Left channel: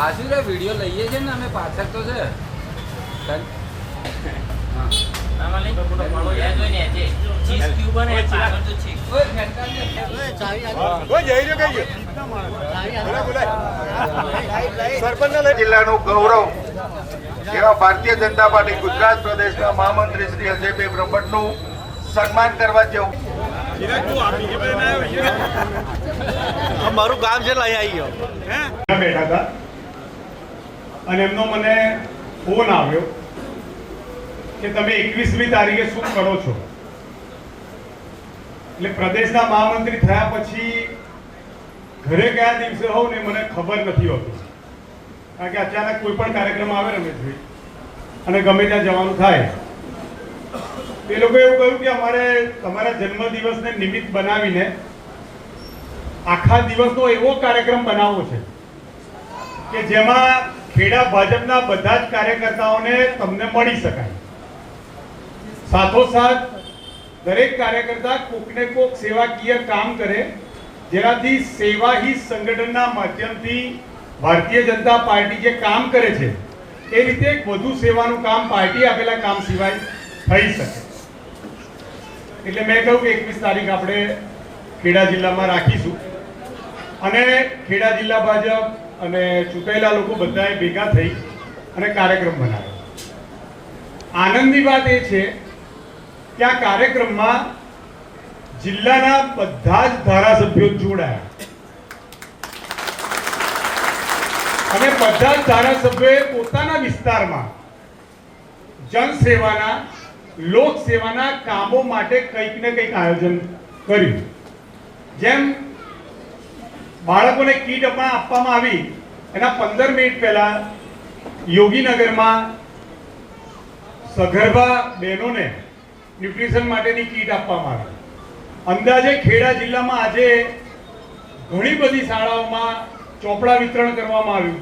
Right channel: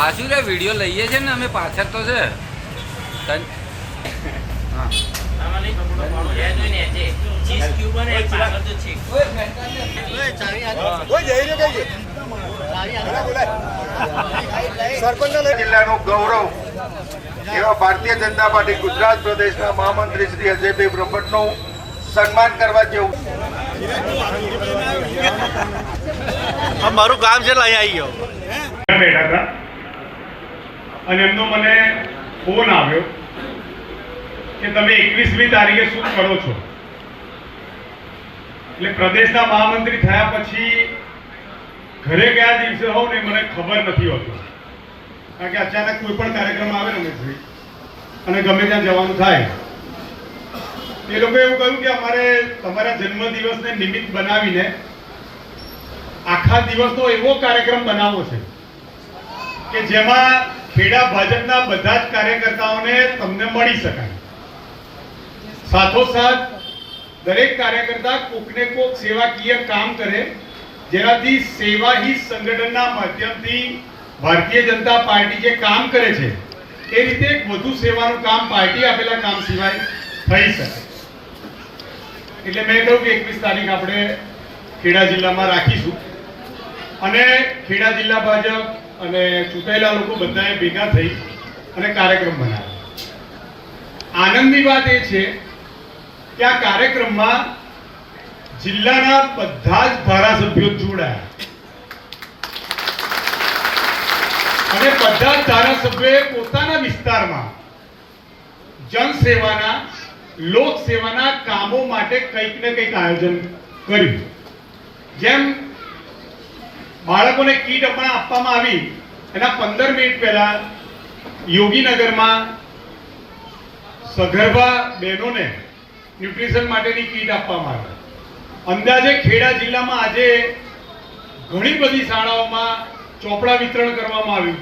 આશુ રે વિડિયો લઈએ છે ને અમે પાછળ તો છે જિલ્લાનું ગૌરવ એવા ભારતીય જનતા પાર્ટી ગુજરાત પ્રદેશના મહામંત્રી શ્રી અજયભાઈ બ્રહ્મટનું સન્માન કરવા જેવું. મારું કામ છે અહીંયા આવી ગયો બેઠા હતા અને એમનો મને ફોન આવ્યો કે તમે 21મી તારીખે શું કરો છો. એટલે પ્રદેશના મહામંત્રી થયા પછી ઘરે કયા દિવસે હોવ ને મને ખબર નથી હોતી, કારણ કે અચાનક કોઈ પણ કાર્યક્રમ આવે ને અને ગમે ત્યાં જવાનું થાય. એ લોકો એવું કહ્યું કે અમારે તમારા જન્મદિવસને નિમિત્ત બનાવીને આખા દિવસનો એવો કાર્યક્રમ બનાવવો છે કે જેમાં ખેડા ભાજપના બધા જ કાર્યકર્તાઓને તમને મળી શકાય. સાથોસાથ દરેક કાર્યકર્તા કોકને કોક સેવાકીય કામ કરે, જેનાથી સેવા ही સંગઠનના માધ્યમથી ભારતીય જનતા પાર્ટી જે કામ કરે છે એ રીતે વધુ સેવાનું કામ પાર્ટી આપેલા કામ સિવાય થઈ શકે. એટલે મેં કહ્યું કે 21 તારીખ આપણે ખેડા જિલ્લામાં રાખીશું અને ખેડા જિલ્લા ભાજપ અને ચૂંટાયેલા લોકો બધાએ ભેગા થઈ અને કાર્યક્રમ બનાવ્યો. આનંદની વાત એ છે કે આ કાર્યક્રમમાં જિલ્લાના બધા જ ધારાસભ્યો જોડાયા અને બધા જ ધારાસભ્યોએ પોતાના વિસ્તારમાં જનસેવાના લોક સેવાના કામો માટે કંઈક ને કંઈક આયોજન કર્યું. જેમ બાળકોને કીટ આપવામાં આવી એના 15 મિનિટ પહેલા યોગીનગરમાં સગર્ભા બહેનોને ન્યુટ્રિશન માટેની કીટ આપવામાં આવી. અંદાજે ખેડા જિલ્લામાં આજે ઘણી બધી શાળાઓમાં ચોપડા વિતરણ કરવામાં આવ્યું,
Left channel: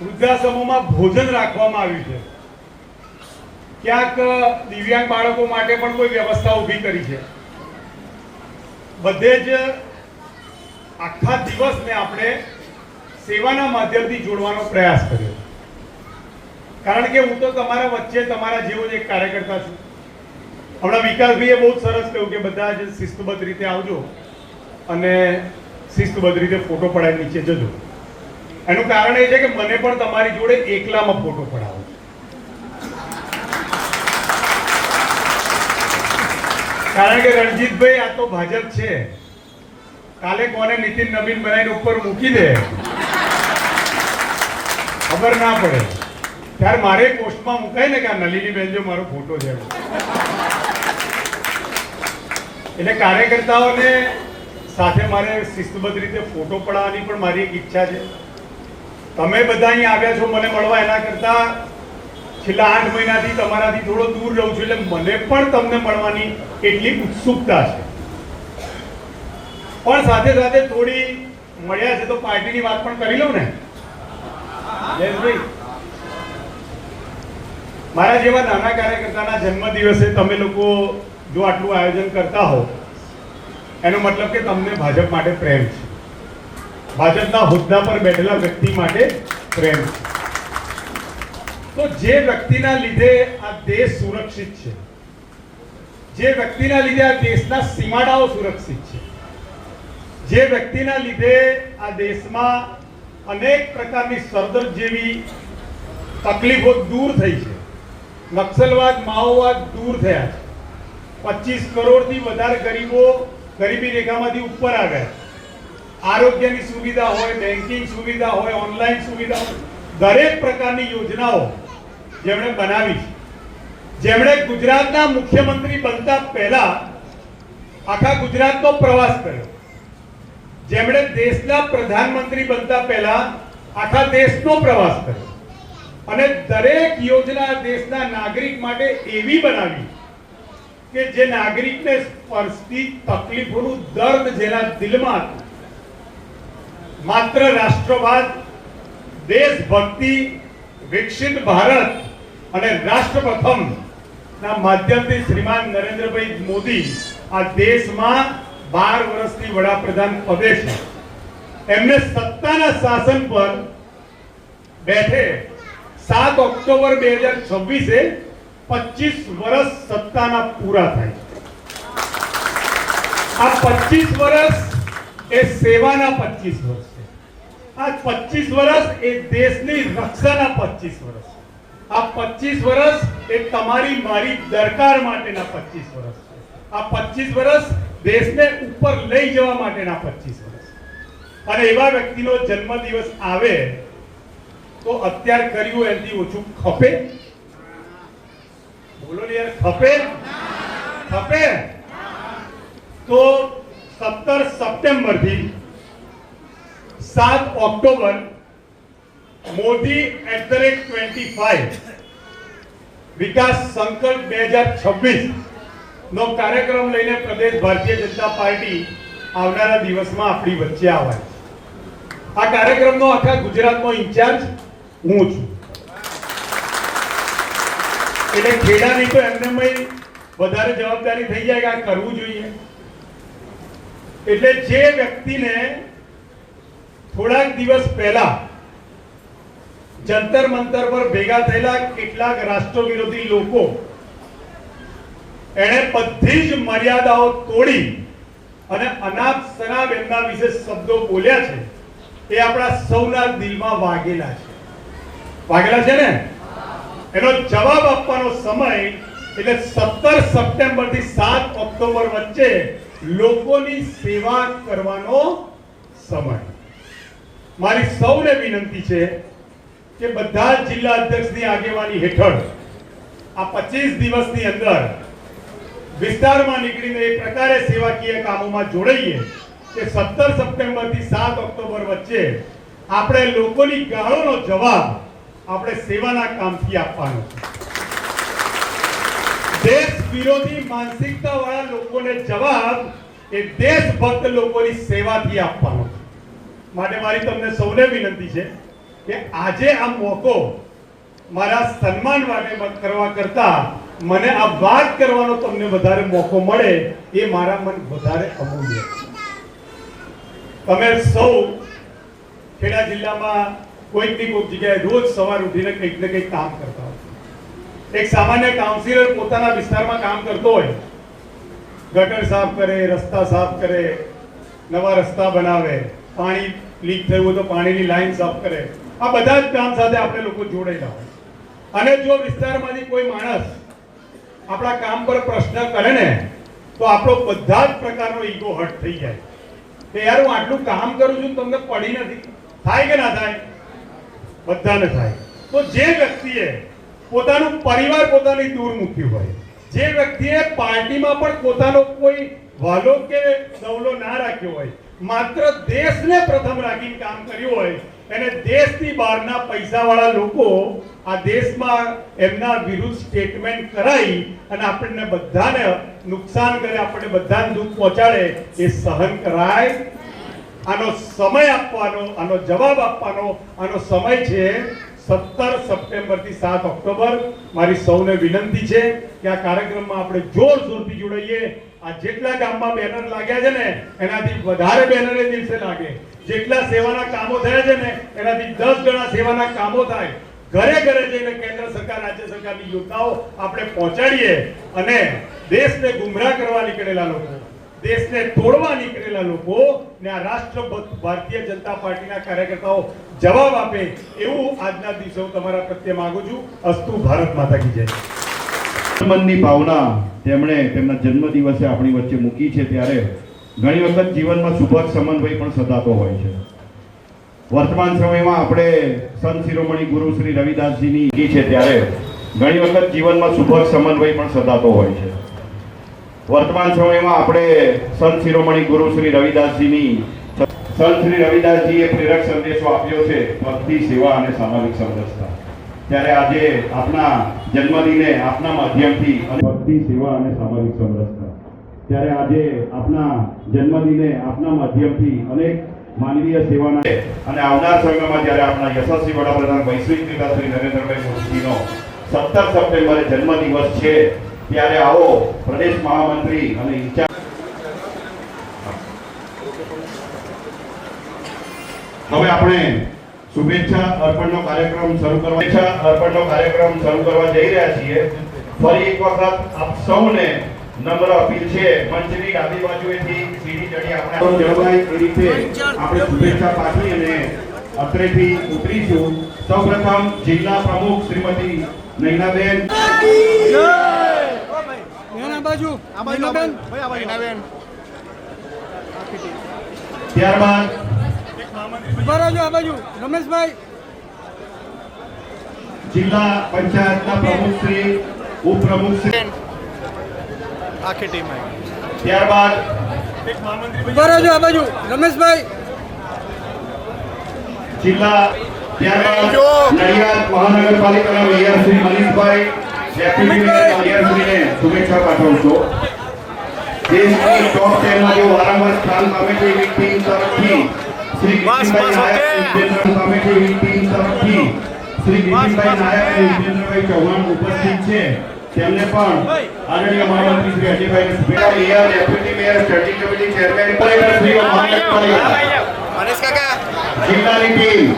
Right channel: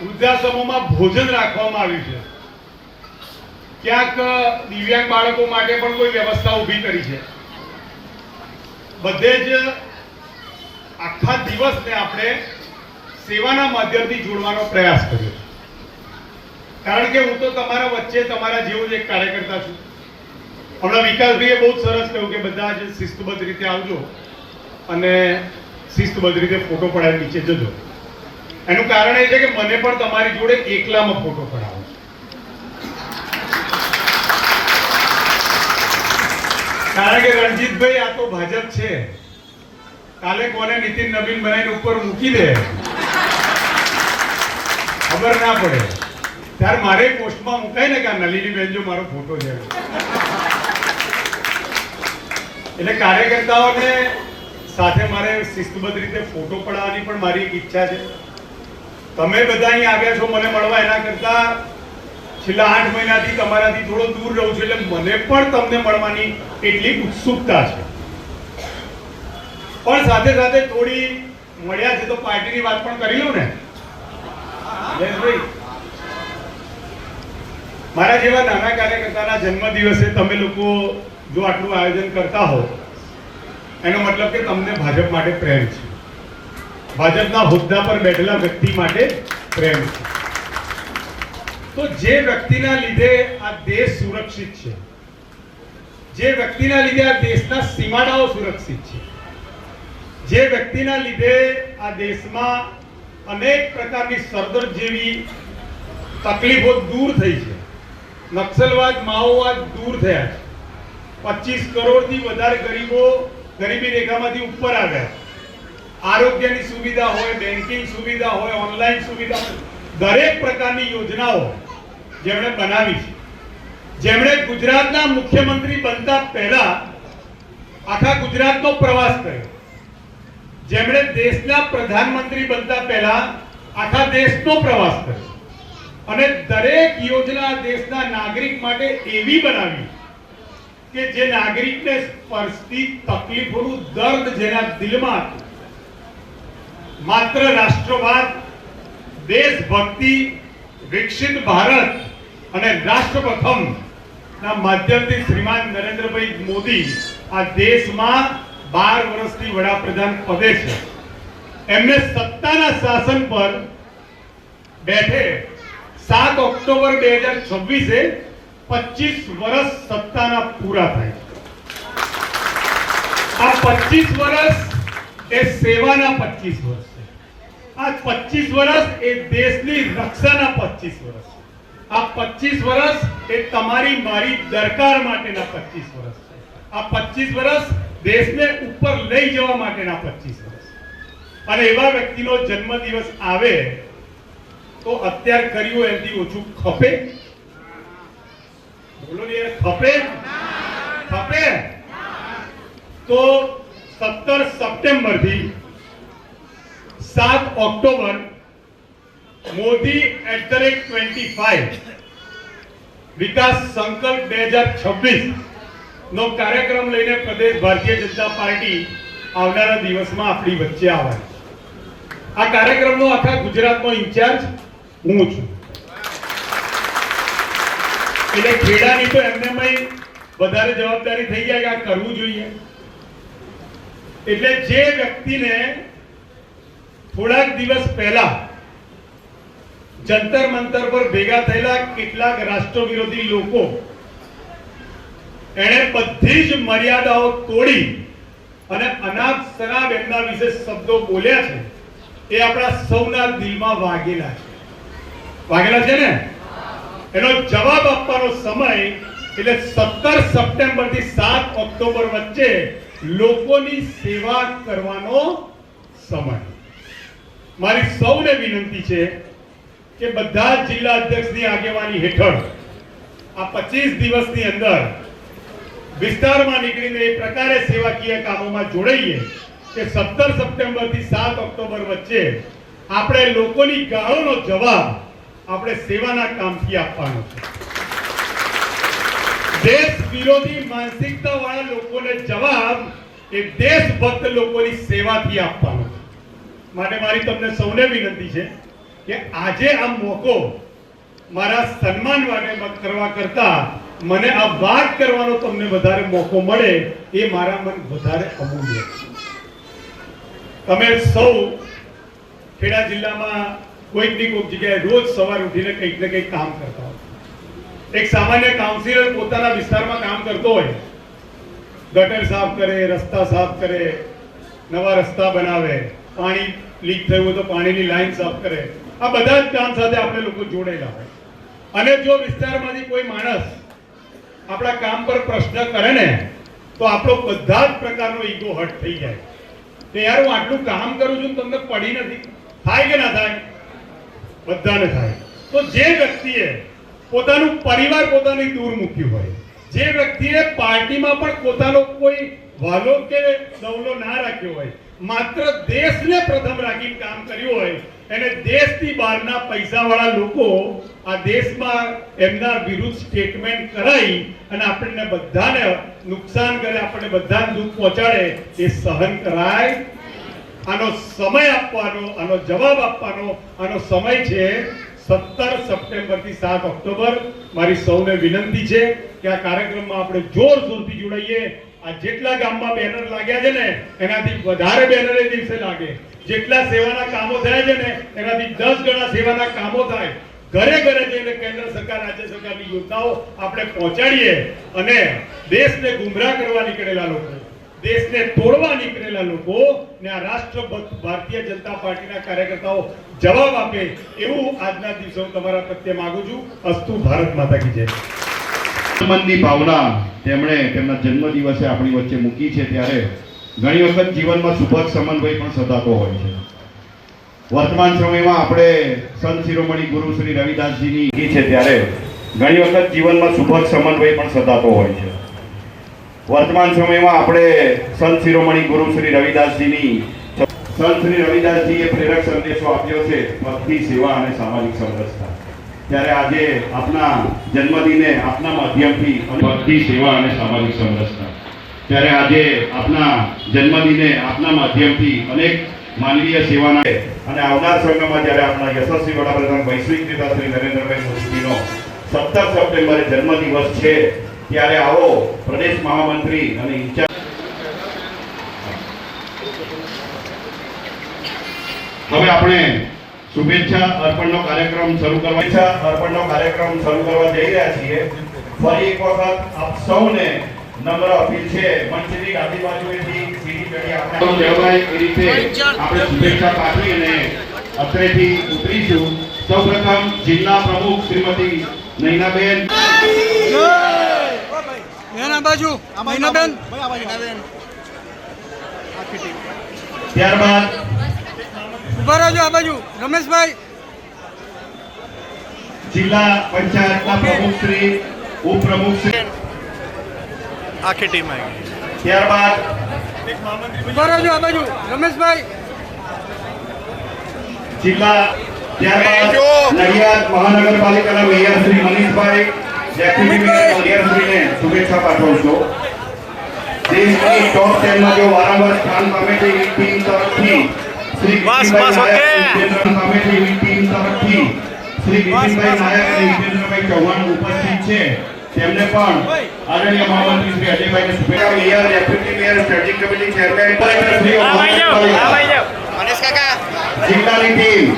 વૃદ્ધાશ્રમોમાં ભોજન રાખવામાં આવ્યું છે, ક્યાંક દિવ્યાંગ બાળકો માટે પણ કોઈ વ્યવસ્થા ઊભી કરી છે. બધે જ આખા દિવસને આપણે સેવાના માધ્યમથી જોડવાનો પ્રયાસ કર્યો છે. કારણ કે હું તો તમારા વચ્ચે તમારા જેવો જ એક કાર્યકર્તા છું. હમણાં વિકાસભાઈએ બહુ સરસ કહ્યું કે બધા જ શિસ્તબદ્ધ રીતે આવજો અને શિસ્તબદ્ધ રીતે ફોટો પડાવી નીચે જજો. એનું કારણ એ છે કે મને પણ તમારી જોડે એકલામાં ફોટો પડાવો. કારણ કે રણજીતભાઈ આ તો ભાજપ છે, કાલે કોને નીતિન નવીન બનાવીને ઉપર મૂકી દે ખબર ના પડે, ત્યારે મારે પોસ્ટમાં મુકાય ને કે આ નલિની બેન જો મારો ફોટો છે. એટલે કાર્યકર્તાઓને સાથે મારે શિસ્તબદ્ધ રીતે ફોટો પડાવવાની પણ મારી એક ઈચ્છા છે. તમે બધા અહીં આવ્યા છો મને મળવા, એના કરતા છેલ્લા 8 મહિનાથી તમારાથી થોડો દૂર રહું છું એટલે મને પણ તમને મળવાની એટલી ઉત્સુકતા છે. પણ સાથે સાથે થોડી મળ્યા છે તો પાર્ટીની વાત પણ કરી લઉં ને. જયેશભાઈ, મારા જેવા નાના કાર્યકર્તાના જન્મદિવસે તમે લોકો જો આટલું આયોજન કરતા હો એનો મતલબ કે તમને ભાજપ માટે પ્રેમ છે, ભાજપના હોદ્દા પર બેઠેલા વ્યક્તિ માટે પ્રેમ છે. તો જે વ્યક્તિના લીધે આ દેશ સુરક્ષિત છે, જે વ્યક્તિના લીધે આ દેશના સીમાડાઓ સુરક્ષિત છે, જે વ્યક્તિના લીધે આ દેશમાં અનેક પ્રકારની સરદર્દ જેવી તકલીફો દૂર થઈ છે, નક્સલવાદ માઓવાદ દૂર થયા છે, 25 કરોડથી વધારે ગરીબો ગરીબી રેખામાંથી ઉપર આવ્યા, આરોગ્યની સુવિધા હોય, બેન્કિંગ સુવિધા હોય, ઓનલાઈન સુવિધા હોય, દરેક પ્રકારની યોજનાઓ જેમણે બનાવી છે, જેમણે ગુજરાતના મુખ્યમંત્રી બનતા પહેલા આખા ગુજરાતનો પ્રવાસ કર્યો, જેમણે દેશના પ્રધાનમંત્રી બનતા પહેલા આખા દેશનો પ્રવાસ કર્યો અને દરેક યોજના દેશના નાગરિક માટે એવી બનાવી કે જે નાગરિકને સ્પર્શતી તકલીફોનું દર્દ જેના દિલમાં હતું, માત્ર રાષ્ટ્રવાદ, દેશભક્તિ, વિકસિત ભારત અને રાષ્ટ્ર પ્રથમ ના માધ્યમથી શ્રીમાન નરેન્દ્રભાઈ મોદી આ દેશમાં 12 વર્ષથી વડાપ્રધાન પદે છે. એમને સત્તાના શાસન પર બેઠે 7 ઓક્ટોબર 2026 25 વર્ષ સત્તાના પૂરા થાય. આ 25 વર્ષ એ સેવાના 25 વર્ષ છે. આ 25 વર્ષ એ દેશની રક્ષાના 25 વર્ષ. આ 25 વર્ષ એ તમારી મારી દરકાર માટેના 25 વર્ષ છે. આ 25 વર્ષ દેશને ઉપર લઈ જવા માટેના 25 વર્ષ. અને એવા વ્યક્તિનો જન્મદિવસ આવે તો અત્યારે કર્યું એનાથી ઓછું ખપે? બોલો ને યાર, ખપે? ખપે? તો 17 સપ્ટેમ્બર થી 7 ઓક્ટોબર મોદી @25 વિકાસ સંકલ્પ 2026 નો કાર્યક્રમ લઈને પ્રદેશ ભારતીય જનતા પાર્ટી આવનારા દિવસમાં આપણી વચ્ચે આવે. આ કાર્યક્રમનો આખા ગુજરાતનો ઇન્ચાર્જ હું છું. એટલે ખેડાની તો એમને વધારે જવાબદારી થઈ જાય કે આ કરવું જોઈએ. એટલે જે વ્યક્તિને થોડાક દિવસ પહેલા જંતર મંતર પર ભેગા થયેલા કેટલાક રાષ્ટ્ર વિરોધી લોકો એણે બધી જ મર્યાદાઓ તોડી અને અનાપ શનાપ એમના વિશે શબ્દો બોલ્યા છે, એ આપણા સૌના દિલમાં વાગેલા છે. વાગેલા છે ને? એનો જવાબ આપવાનો સમય એટલે 17 સપ્ટેમ્બર થી 7 ઓક્ટોબર વચ્ચે લોકોની સેવા કરવાનો સમય. મારી સૌને વિનંતી છે કે બધા જિલ્લા અધ્યક્ષની આગેવાની હેઠળ આ 25 દિવસની અંદર વિસ્તારમાં નીકળીને એ પ્રકારે સેવાકીય કામોમાં જોડાઈએ કે 17 સપ્ટેમ્બર થી 7 ઓક્ટોબર વચ્ચે આપણે લોકોની ગાળોનો જવાબ આપણે સેવાના કામથી આપવાનો છે. દેશ વિરોધી માનસિકતા વાળા લોકોને જવાબ એ દેશભક્ત લોકોની સેવાથી આપવાનો છે. માટે મારી તમને સૌને વિનંતી છે કે આજે આ મોકો મારા સન્માન માટે કરવા કરતા મને આ વાત કરવાનો તમને વધારે મોકો મળે એ મારા મન વધારે અમૂલ્ય છે. તમે સૌ ખેડા જિલ્લામાં કોઈકની કોઈક જગ્યાએ રોજ સવાર ઉઠીને કંઈક ને કંઈક કામ કરતા હોય. એક સામાન્ય કાઉન્સિલર પોતાના વિસ્તારમાં કામ કરતો હોય, ગટર સાફ કરે, રસ્તા સાફ કરે, નવા રસ્તા બનાવે, પાણી લીક થયું હોય તો પાણીની લાઈન સાફ કરે. આ બધા જ કામ સાથે આપણે લોકો જોડાયેલા હોય. અને જો વિસ્તારમાંથી કોઈ માણસ આપણા કામ પર પ્રશ્ન કરે ને તો આપણો બધા જ પ્રકારનો ઈગો હર્ટ થઈ જાય કે યાર હું આટલું કામ કરું છું તમને પડી નથી. થાય કે ના થાય? બધાને થાય. તો જે વ્યક્તિએ પોતાનું પરિવાર પોતાની દૂર મૂક્યું હોય, જે વ્યક્તિએ પાર્ટીમાં પણ પોતાનો કોઈ વાલો કે સવલો ના રાખ્યો હોય, માત્ર દેશને પ્રથમ રાખીને કામ કર્યું હોય, એને દેશની બહારના પૈસાવાળા લોકો આ દેશમાં એમના વિરુદ્ધ સ્ટેટમેન્ટ કરાવી અને આપણને બધાને નુકસાન કરે, આપણને બધાને દુઃખ પહોંચાડે, એ સહન કરાય? આનો સમય આપવાનો, આનો જવાબ આપવાનો આનો સમય છે 17 સપ્ટેમ્બર થી 7 ઓક્ટોબર. મારી સૌને વિનંતી છે કે આ કાર્યક્રમમાં આપણે જોરશોરથી જોડાઈએ. આ જેટલા ગામમાં બેનર લાગ્યા છે ને એનાથી વધારે બેનર એ દિવસે લાગે. જેટલા સેવાના કામો થયા છે ને એનાથી 10 ગણા સેવાના કામો થાય. ઘરે ઘરે જઈને કેન્દ્ર સરકાર, રાજ્ય સરકારની યોજનાઓ આપણે પહોંચાડીએ અને દેશને ગુમરાહ કરવા નીકળેલા લોકો, દેશને તોડવા નીકળેલા લોકો ને આ રાષ્ટ્રભક્ત ભારતીય જનતા પાર્ટીના કાર્યકર્તાઓ જવાબ આપે એવું આજના દિવસે હું તમારા પ્રત્યે માંગુ છું. અસ્તુ ભારત માતા કી જય. મનની ભાવના તેમણે તેમના જન્મદિવસે આપણી વચ્ચે મૂકી છે ત્યારે ઘણી વખત જીવનમાં સુભગ સમન્વય પણ સધાતો હોય છે. વર્તમાન સમયમાં આપણે સંત શિરોમણી ગુરુ શ્રી રવિદાસજીની છે ત્યારે ઘણી વખત જીવનમાં સુભગ સમન્વય પણ સધાતો હોય છે. વર્તમાન સમયમાં આપણે સંત શિરોમણી ગુરુ શ્રી રવિદાસજીની સંત શ્રી રવિદાસજીએ પ્રેરક સંદેશો આપ્યો છે ભક્તિ, સેવા અને સામાજિક સમરસતા. ત્યારે આજે આપના જન્મદિને આપના માધ્યમથી ભક્તિ, સેવા અને સામાજિક સમરસતા. ત્યારે આજે આપના જન્મદિને આપના માધ્યમથી અનેક માનવીય સેવાના અને આવનાર સમયમાં જ્યારે આપણા યશસ્વી વડાપ્રધાન વૈશ્વિક નેતા શ્રી નરેન્દ્રભાઈ મોદીજીનો 17 સપ્ટેમ્બરે જન્મદિવસ છે ત્યારે આવો પ્રદેશ મહામંત્રી અને ઇન્ચાર્જ હવે આપણે શુભેચ્છા અર્પણનો કાર્યક્રમ શરૂ કરવા જઈ રહ્યા છીએ. ફરી એક વખત આપ સૌને નમ્ર અપીલ છે, મંચની ડાબી બાજુએથી સીડી ચડી આપણે જળવાય એ રીતે આપણે શુભેચ્છા પાઠવી અને અત્રેથી ઉતરીશું. સૌપ્રથમ જિલ્લા પ્રમુખ શ્રીમતી નૈનાબેન, ત્યારબાદ રમેશભાઈ, જિલ્લા પંચાયતના પ્રમુખ શ્રી, ઉપપ્રમુખ શ્રી, આખી ટીમ આવી. ત્યારબાદ રમેશભાઈ, ત્યારબાદ નડિયાદ મહાનગરપાલિકાના મેયર શ્રી મનીષભાઈ, ડેપ્યુટી મેયર મલિયારશ્રીને શુભેચ્છા પાઠવું છું. દેશની ટોપ 10 માં જો વારંવાર સ્થાન પામે છે એવી ટીમ તરફથી શ્રી બસ, ઓકે. પામે છે એવી ટીમ તરફથી શ્રી વિજયભાઈ નાયક અને વિજેન્દ્રભાઈ ચૌહાણ ઉપસ્થિત છે. તેમને પણ આદરણીય મહામંત્રી શ્રી અજયભાઈને શુભેચ્છા. Mayor, deputy mayor, standing committee chairman, કલેક્ટરશ્રીઓ, મહાનગરપાલિકા, જિલ્લાની ટીમ,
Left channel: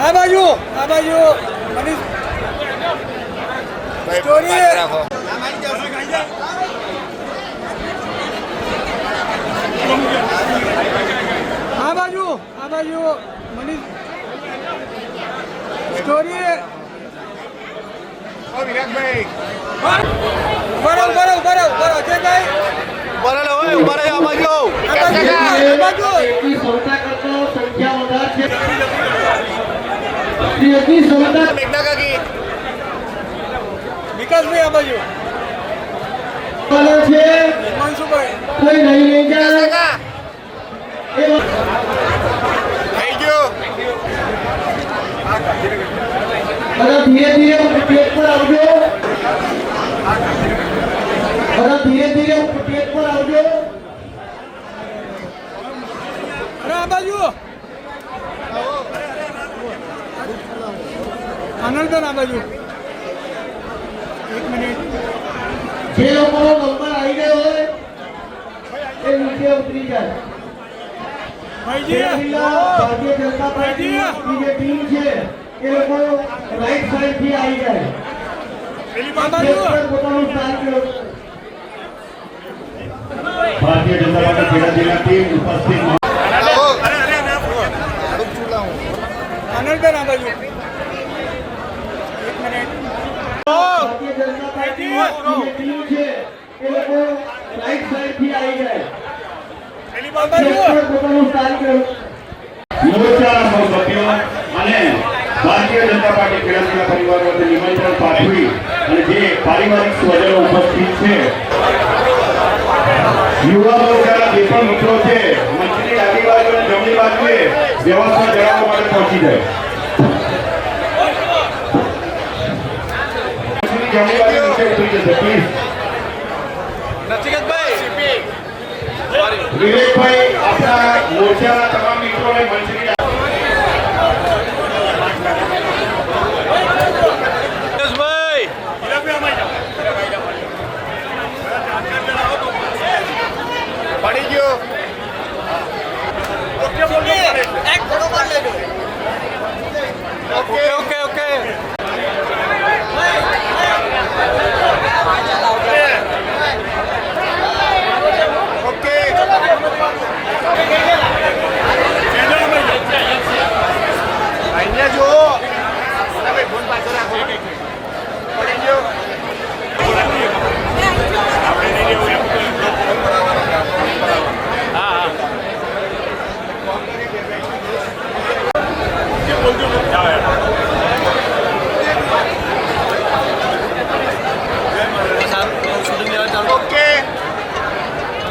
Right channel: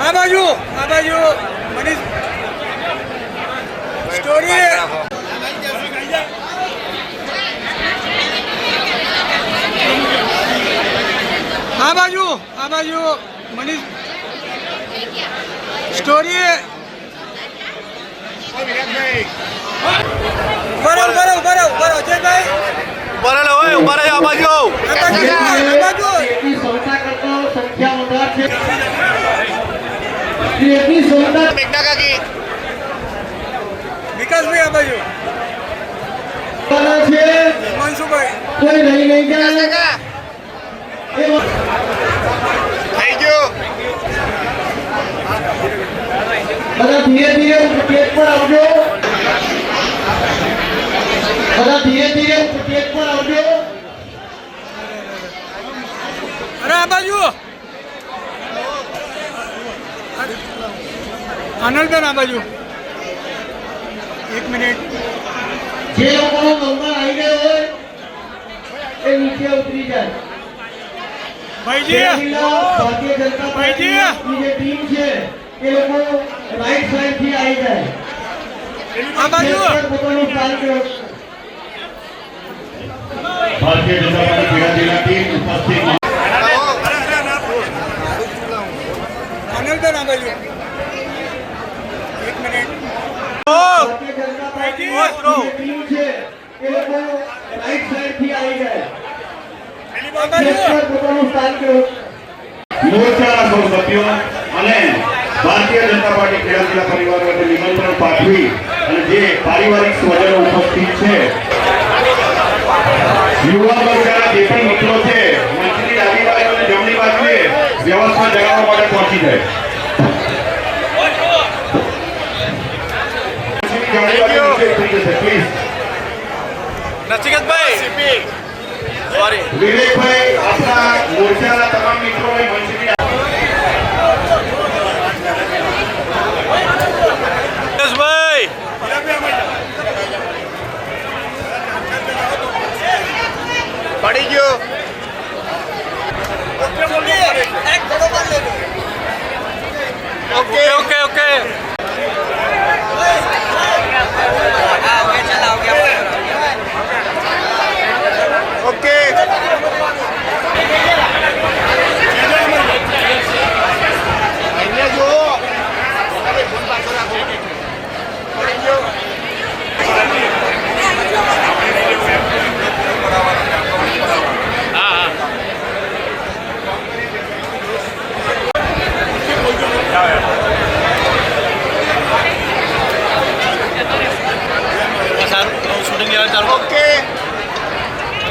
આ બાજુ મનીષ સ્ટોરી, આ બાજુ મનીષ સ્ટોરી, બરો અજયભાઈ, બરાબર હોય, ઉભા રહો આ બાજુ. વિકાસભાઈ, આ બાજુ મનસુભાઈ, ધીરે ધીરે પેટ પર આવજો. ધીરે ધીરે પેટ પર આવજો. અરે આ બાજુ આનંદબેન, આ બાજુ 1 મિનિટ. જે લોકોનો નંબર આવી ગયો હોય એ નીચે ઉતરી જાય. ભાઈજી, ભારતીય જનતા પાર્ટીની જે ટીમ છે એ લોકો રાઈટ સાઈડ થી આવી જાય. આ બાજુ પોતાનું સ્થાન કરો. ભારતીય જનતા પાર્ટી ખેડા જિલ્લા ટીમ ઉપસ્થિત. આનંદબેન, આ બાજુ 1 મિનિટ. ભારતીય જનતા પાર્ટીની જે ટીમ છે એ લોકો રાઈટ સાઈડ થી આવી જાય. આ બાજુ પોતાનું સ્થાન કરો. મોરચાના સૌ સભ્યો અને ભારતીય જનતા પાર્ટી ખેડા જિલ્લા પરિવાર વતી નિમંત્રણ પાઠવી અને જે પારિવારિક સ્વજનો ઉપસ્થિત છે, યુવા મોરચાના જે પણ મિત્રો છે, મંચની ડાબી બાજુ અને જમણી બાજુએ વ્યવસ્થા જણાવવા માટે પહોંચી જાય. જમણી બાજુ નીચે ઉતરી જશે, પ્લીઝ. નચિકેતભાઈ, સોરી. વિવેકભાઈ, આપણા મોરચાના તમામ મિત્રોને મંચની ભાઈ, પડી ગયો. Okay okay okay. શૂટિંગ લેવા ચાલુ. ઓકે.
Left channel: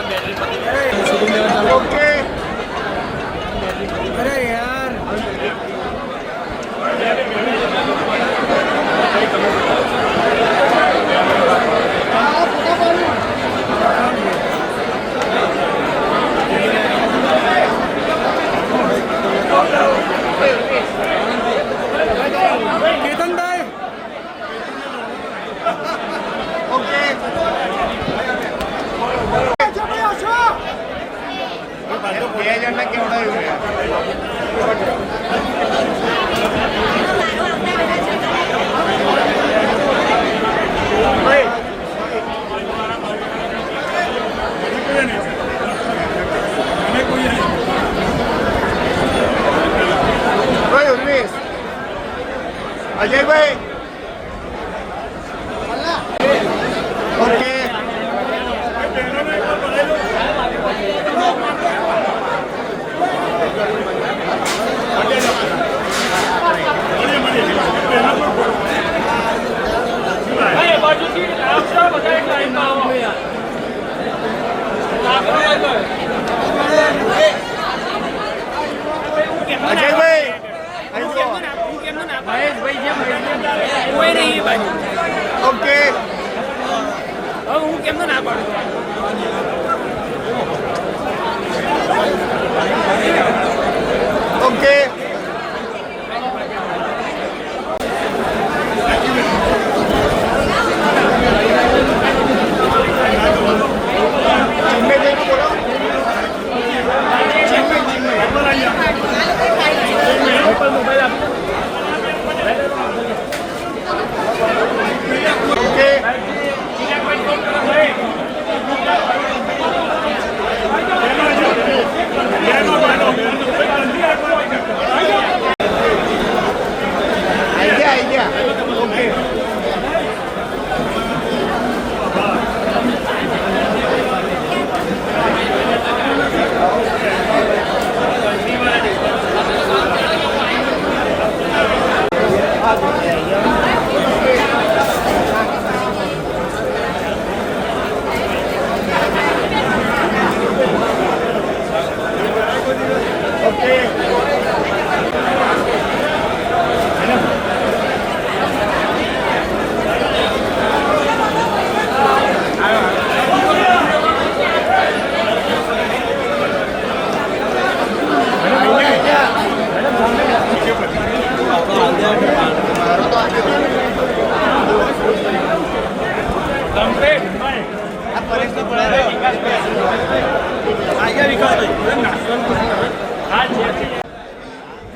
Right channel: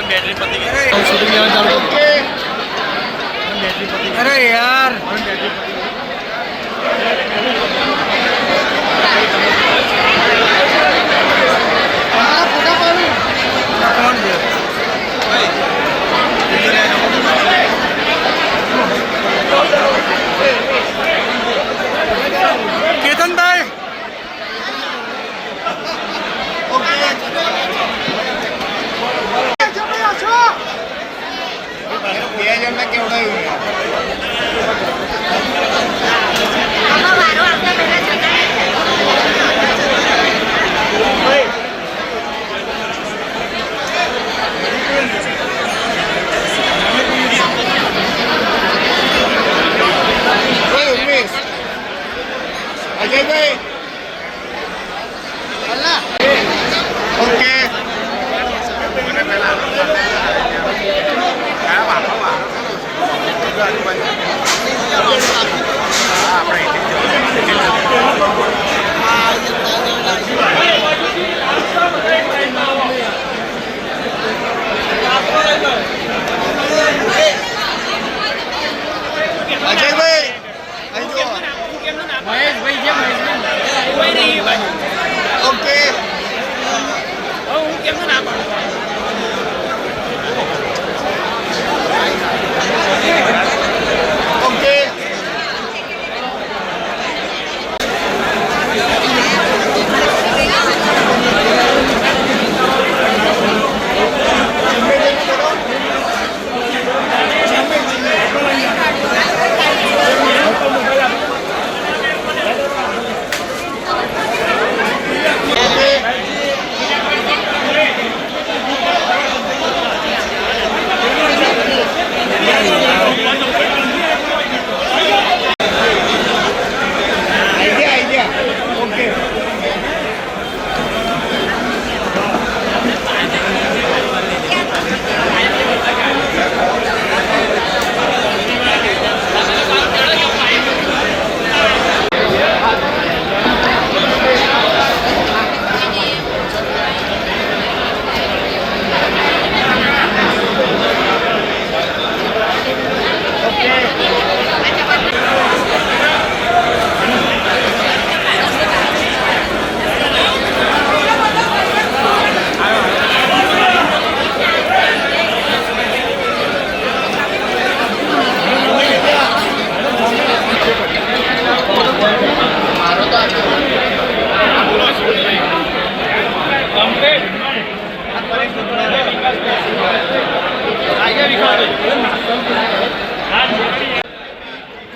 બેટરી પતી ગઈ. શૂટિંગ લેવા ચાલુ. ઓકે. અરે યાર, કેતનભાઈ,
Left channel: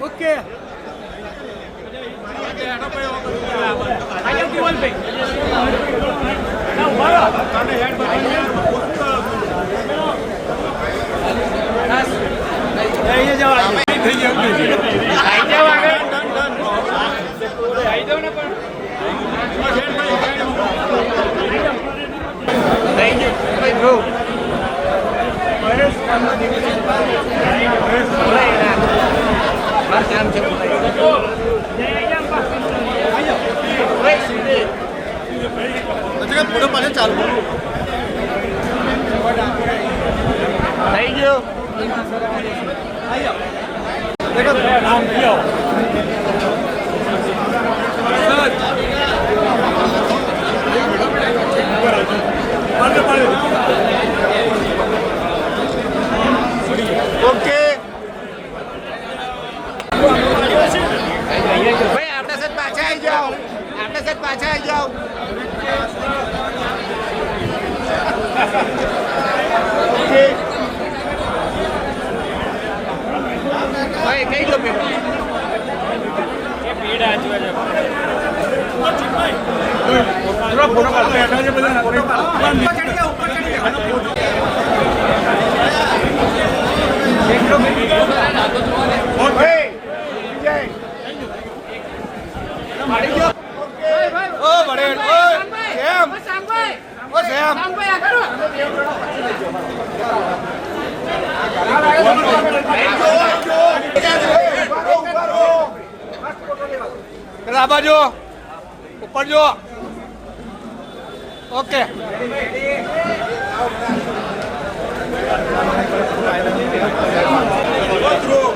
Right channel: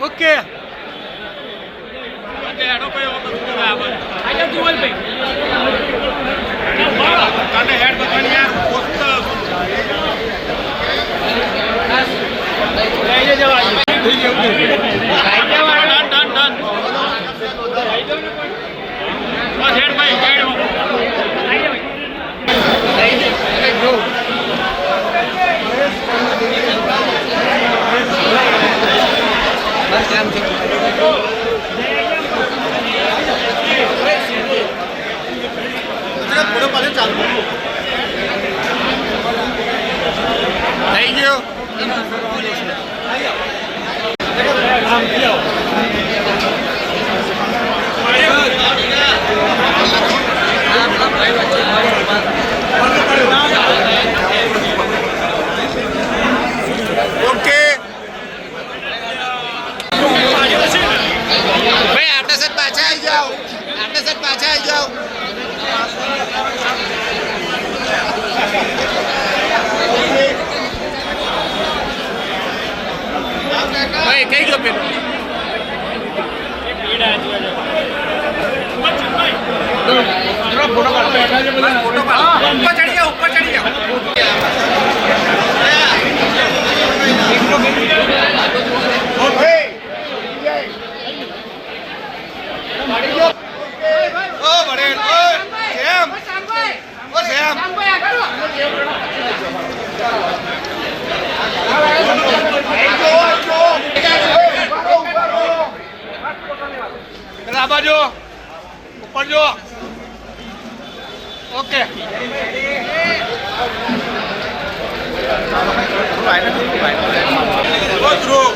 ઓકે થઈ ગયો ઓકે ભાઈ આપણે સાહેબ પાછા આવી જાઓ આપણે સાહેબ પાછા આવી જાઓ ભાઈ કઈ ગયો પેલો પેલા બાજુ ઉપર જો ઓકે ધ્રુવ